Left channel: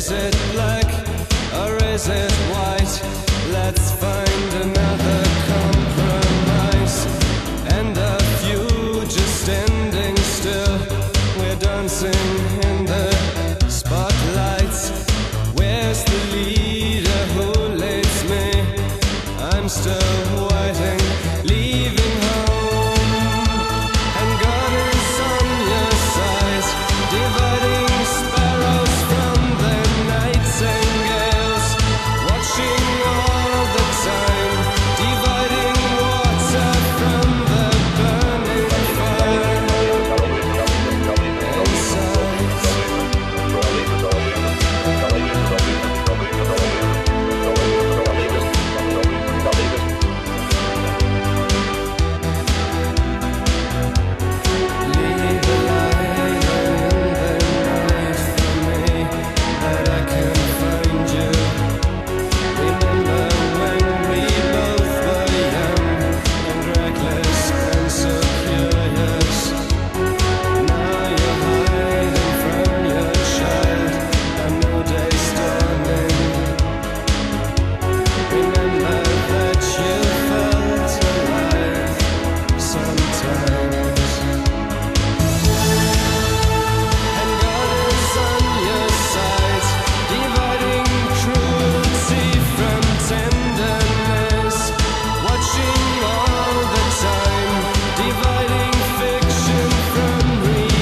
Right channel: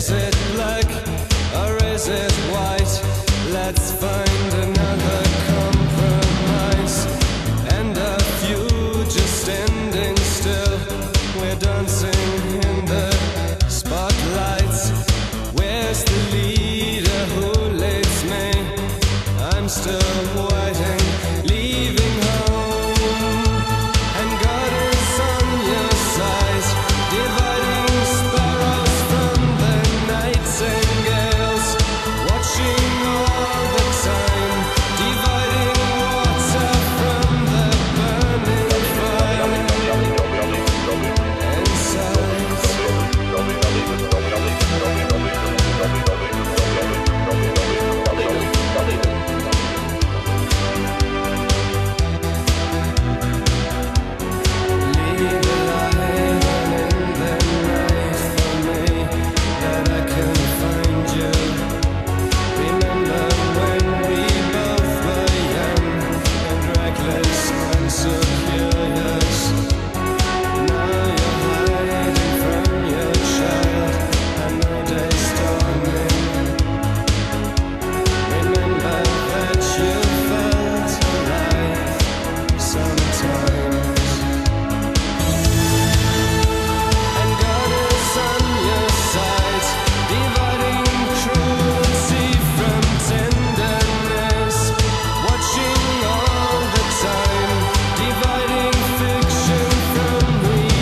Is it black or is it white? Let's find another compromise. And a few just standing still. We're dancing in the spotlights. Where's the leader who leads me? I'm still waiting, leaving home. And God is on your side, dividing sparrows from the nightingales, watching all the time, dividing water from the burning fire inside. Leave a light on in the night for me, that I can find you. Remember when we both were young and reckless and so curious. Now you're hiding from your child, a new day's dawning. Remember that you felt alive sometimes. And God is on your side, dividing cruelty from tenderness, watching all the time, dividing fiction from reality.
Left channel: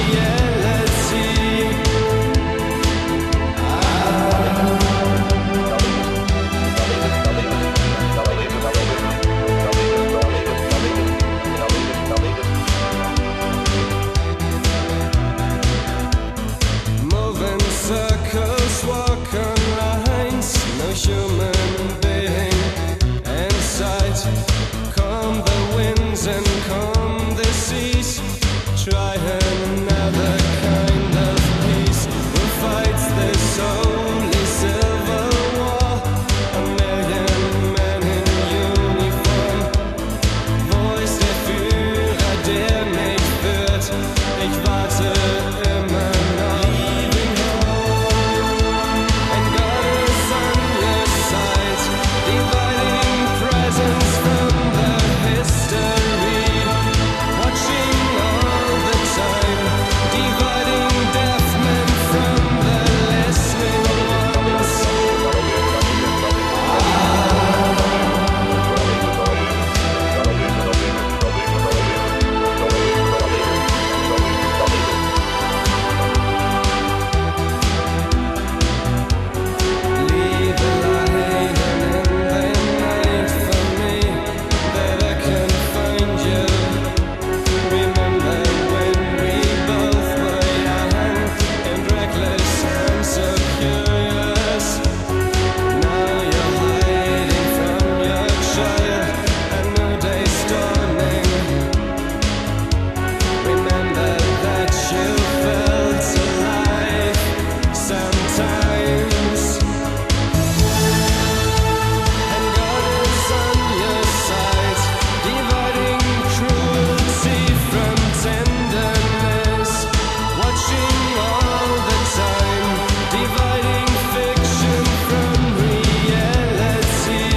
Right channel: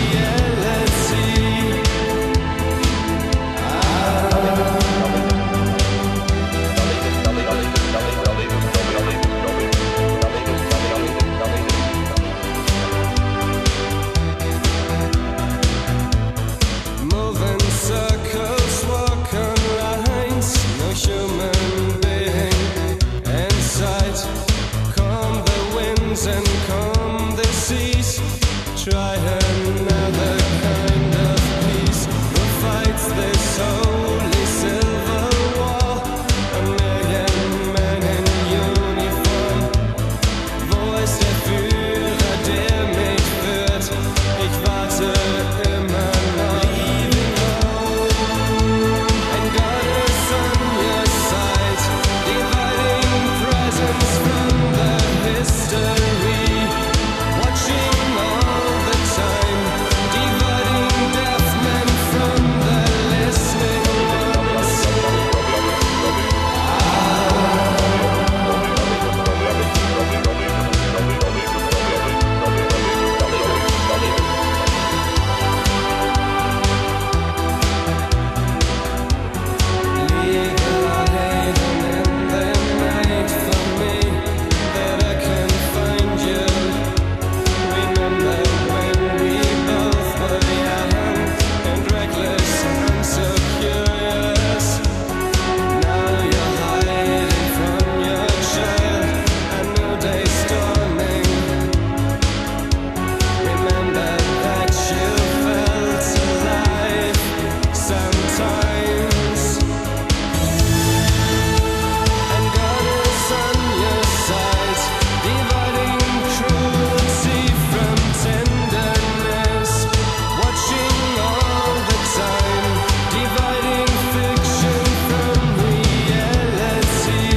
Moving circles, walk on lines, no human being in sight. Calm the winds and calm the seas. Try another kind of peace. Who fights this holy civil war? A million men in uniform. Wo ist der Führer, der mich führt? Ich warte immer noch. Leaving home, and God is on your side, dividing presence from the history, watching all the time, dividing deaf men from the listening ones. Leave a light on in the night for me, that I can find you. Remember when we both were young and reckless and so curious. Now you're hiding from your child, a new day's dawning. Remember that you felt alive sometimes. And God is on your side, dividing cruelty from tenderness, watching all the time, dividing fiction from reality.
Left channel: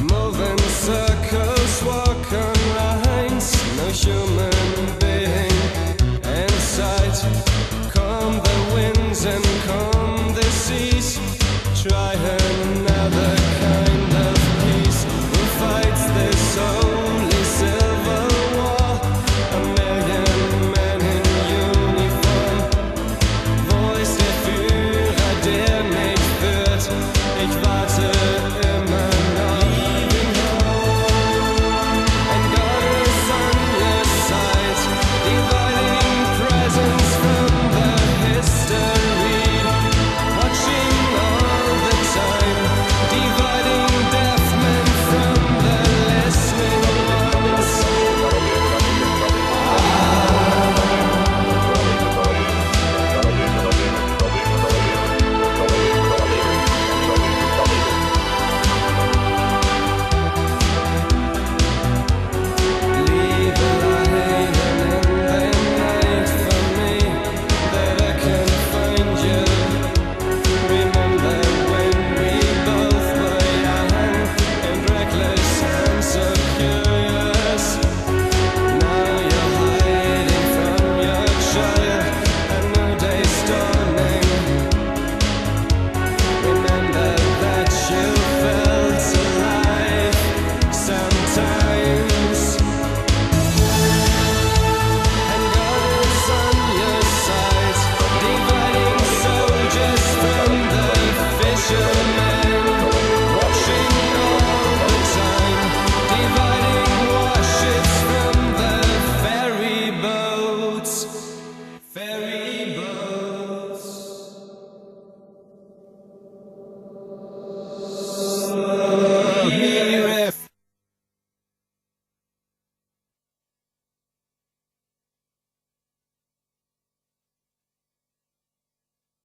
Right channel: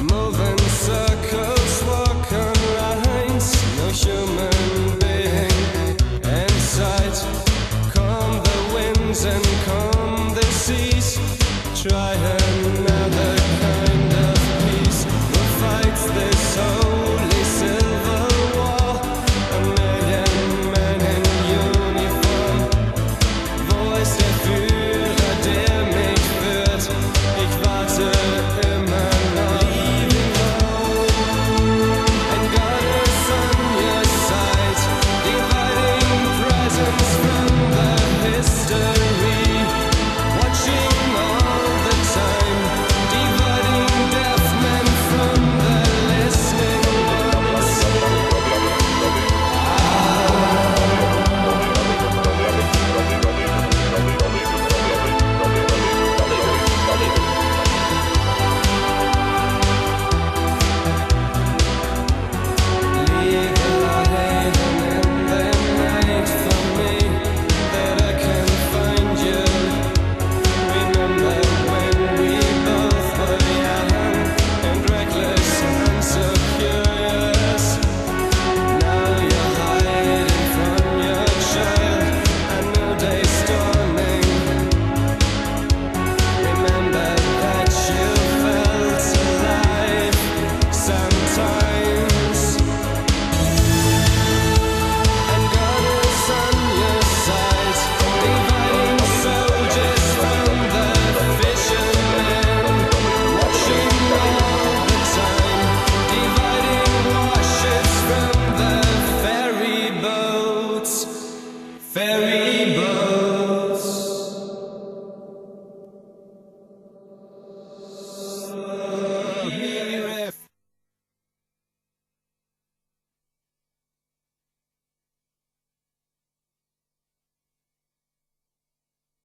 Moving circles, walk on lines, no human being in sight. Calm the winds and calm the seas. Try another kind of peace. Who fights this holy civil war? A million men in uniform. Wo ist der Führer, der mich führt? Ich warte immer noch. Leaving home, and God is on your side, dividing presence from the history, watching all the time, dividing deaf men from the listening ones. curious and so curious. Now you're hiding from your child, a new day's dawning. Remember that you fell.